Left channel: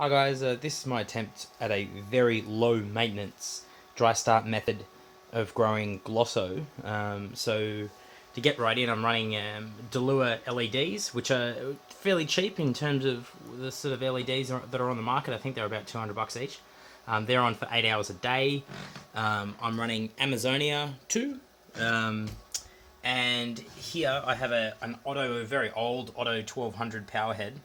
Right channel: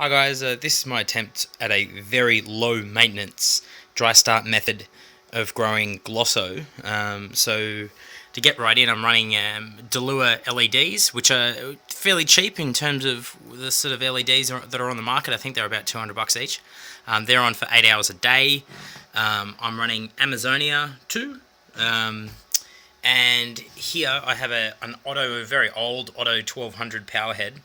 Hi guys, this is my attempt at a very low maintenance dry start method of growing glosso. So to get right in, I'm running Delua LEDs, which are fairly cheap in terms of the sort of LEDs that are on the market. I think they're about $200 each. They're on for 8 hours a day. I'm running Amazonia 2. And here I have a very old Otto 1200 power head.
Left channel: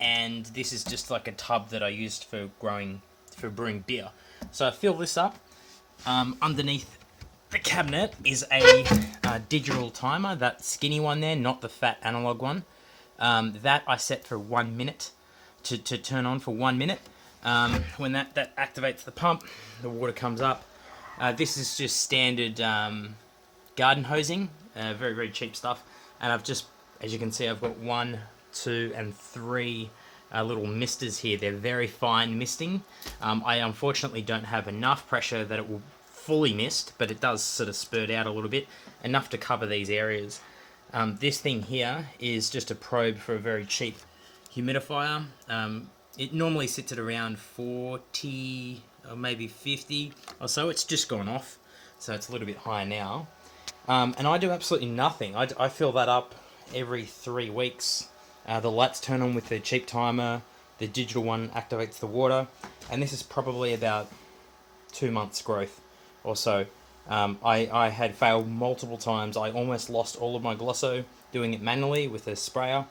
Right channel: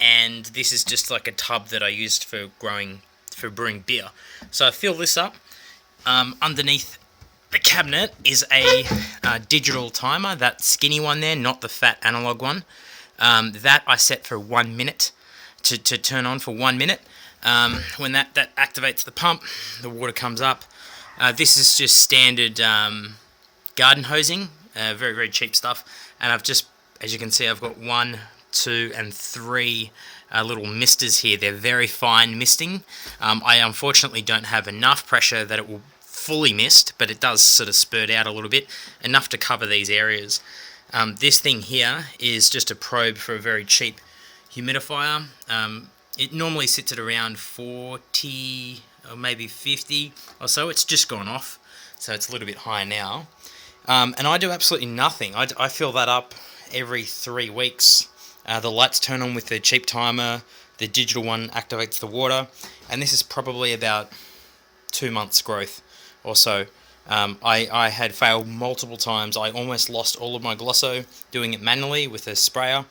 And this is just like a tub that I used for brewing beer. So I fill this up. Underneath the cabinet is a digital timer, that skinny one there, not the fat analog one. That I set for 1 minute to turn on for 1 minute. When that activates the pump, the water comes up. This is just standard garden hosing, very, very cheap stuff. And I've just, as you can see, I've got 1, 2, and 3 little misters here. They're very fine misting. I unfortunately don't have enough pressure that it will fully mist, but it does sort of spurt out a little bit, enough to cover these areas. This thing here is just a probe for a very cheap humidifier. It normally sits at around 40 or maybe 50 or so. It's just gone off, so it's a little bit higher now. And I do absolutely nothing. I fill that up every 3 weeks. The lights turn on with the cheap timer. The digital one activates the water. And this is probably about 2 months growth or so. I had failed multiple times. I almost lost all of my glosso doing it manually with a sprayer.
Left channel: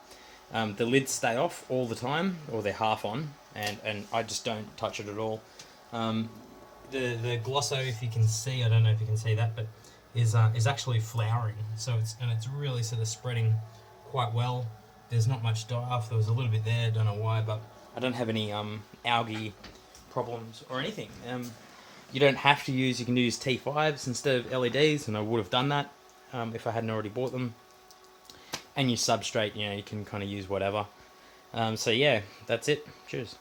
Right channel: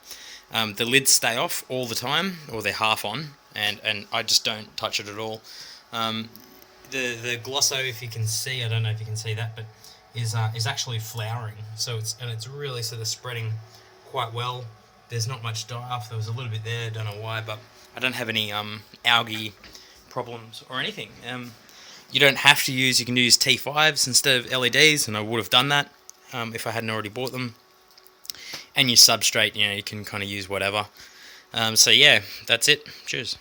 The lids stay off all the time, or they're half on, and I just don't touch it at all. The glosso, if you can see, I don't know if you can see that, but is actually flowering. So it's really sort of spreading quite well. There's not much die-off. There was a little bit there, don't know why, but I don't have any algae problems or anything. You don't have to use, you can use T5s instead of LEDs, and I would have done that if I hadn't already bought them. And your substrate, you can kind of use whatever. So yeah, that's it. Cheers.